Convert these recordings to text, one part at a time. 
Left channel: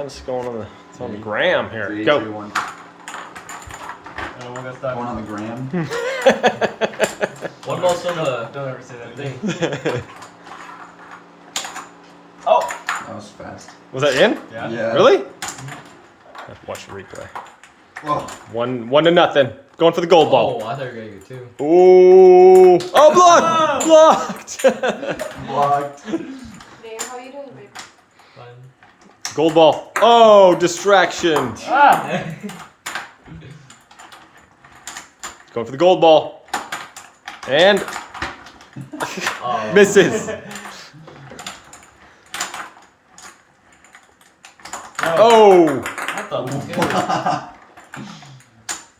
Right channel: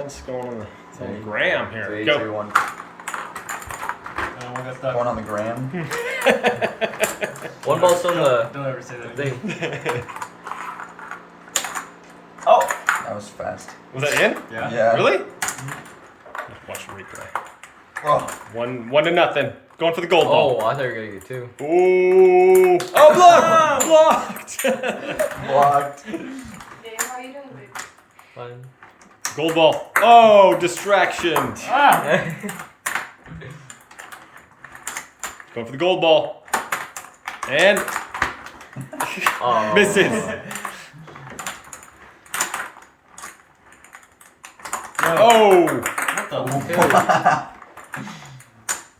man. It's going on the gram here. 3, Go. 2, 1. I don't want that stuff. Going on the gram. One ball's on the Don't ever say that thing. Oh! That was fast. Was that in? Yeah. Really? Let's watch the replay. Oh. 1-0. Going for the gold ball. Oh, I thought you were gonna get 2. Ooh. Oh, blocked! Blocked. Babe, how you doing, babe? Fine. Gold ball. Oh, distraction. Ah! Going for the gold ball. And Oh. misses. No. Oh.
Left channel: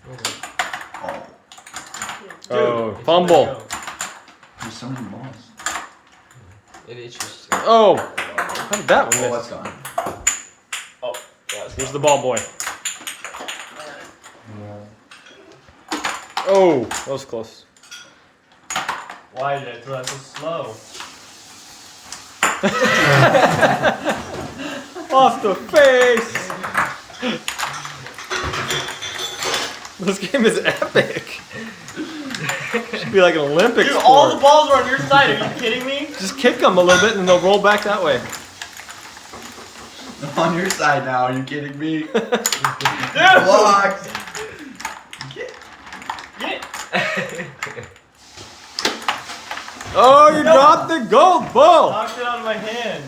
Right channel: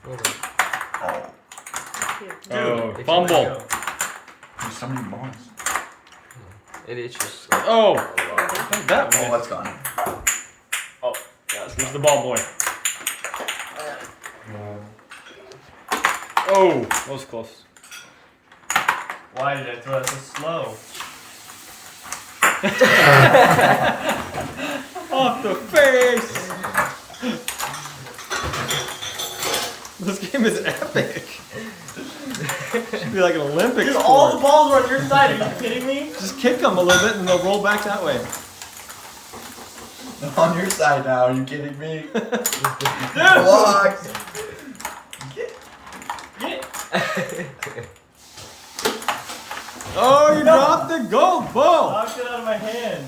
What the? Oh, Dude, fumble. There's so many balls. It itches. Oh. How did that one Oh, miss? that's gone. Oh, yeah, here's the ball boy. Oh, that was close. Why did I throw that so slow? Off the face! This game is epic. Should be like an Olympic Dude, sport. all the balls are on your side. Are you kidding me? Just kick them a little bit and they'll roll back that way. I'm on your side now. Are you kidding me? Dude! Blocked. Get. Oh, you dropped the gold ball! Knocked it out of my hand.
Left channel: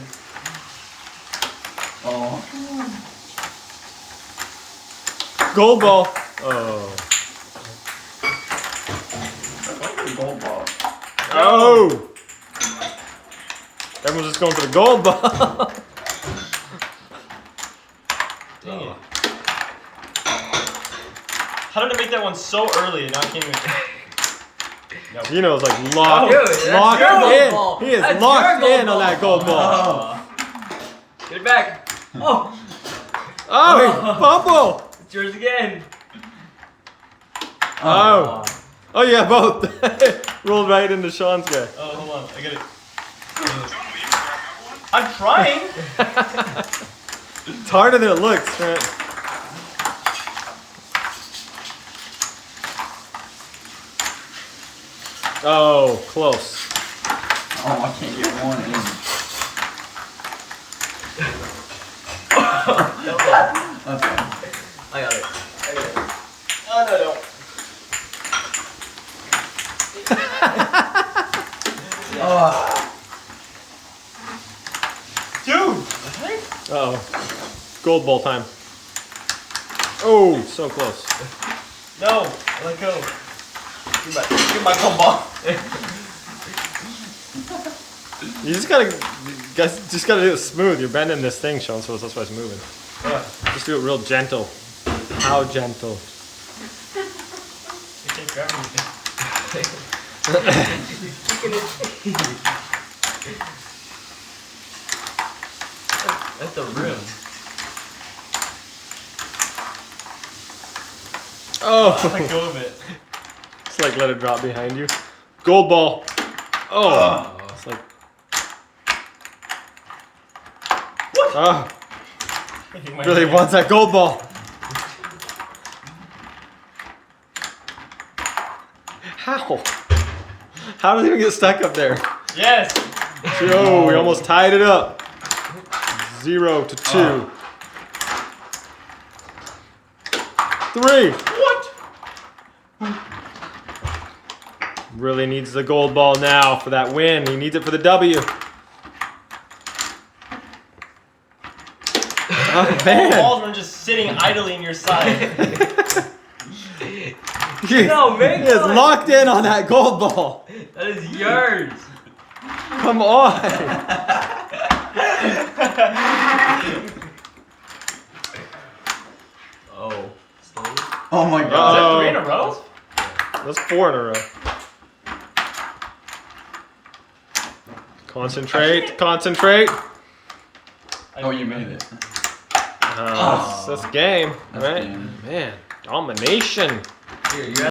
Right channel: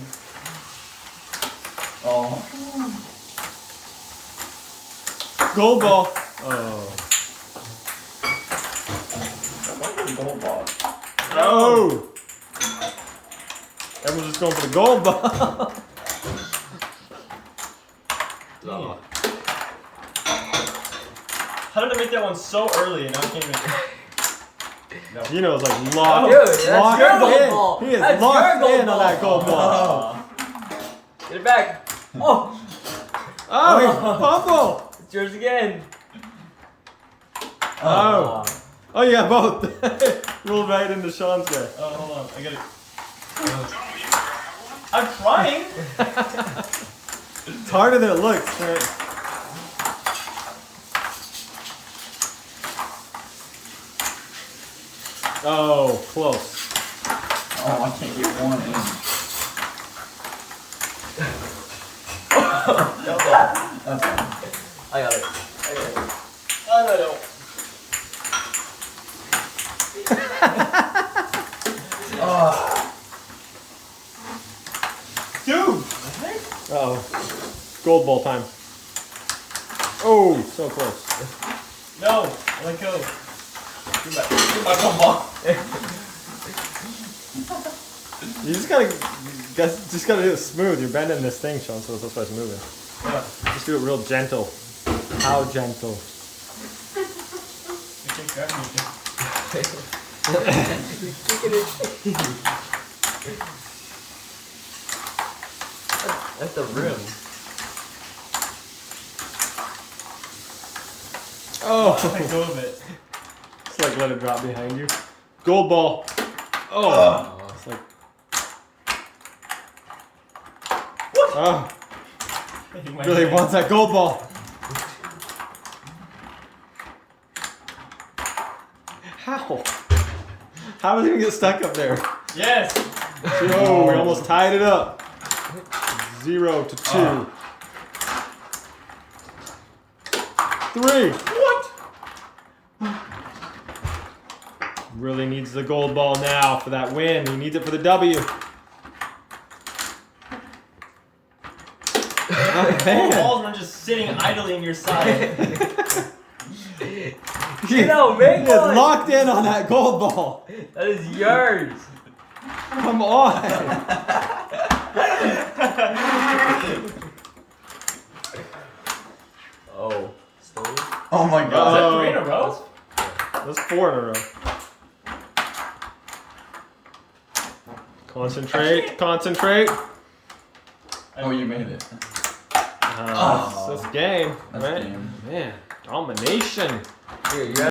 Oh. Gold ball. Oh. What's the gold ball? Oh! Everyone's just going for the gold ball. Dang it. How did I make that one so early and now I can't even... No. You know, it's like locked, Dude, that's locked your gold in. ball. He is That's locked your gold in on that ball. gold ball. Get it back. Oh, Oh, fumble! it's yours again. Oh. Oh yeah, both. Rolled right into Sean's guy. Oh, hold on. I get it. I'm trying. It's harder than it looks, right? Oh, close. Oh, I can't get one in. That's fine. I got it. Oh, no, no. Oh. Dude! Uh-oh. Gold ball time. Oh, so close. No, let go. Give my gold ball. You just gotta do it smooth. You're bending this thing, Sean, so that's why it's moving. Yeah. Just do it real gentle. How gentle? You can't grab anything. That's the rim. Oh, Let go of it. it's like let it drop behind you. Gold ball. Oh, it's like. What? Oh, Making my really hand. wants that gold ball. How? How does he even get stuck up there? Yes! Yo, we almost tied it up. 0-2. 3. What? Really needs the gold ball now for that win. He needs it for the W. Oh, The man. balls are just sitting idly in your side. No, man. He is locked in on that gold ball. That is yours. Come on. Oh. Slowly. Oh my Is god. that 3 in a row? That's 4 in a row. Concentrate, concentrate. Oh, you made it. That's game, That's right? game. Man, domination. Here, you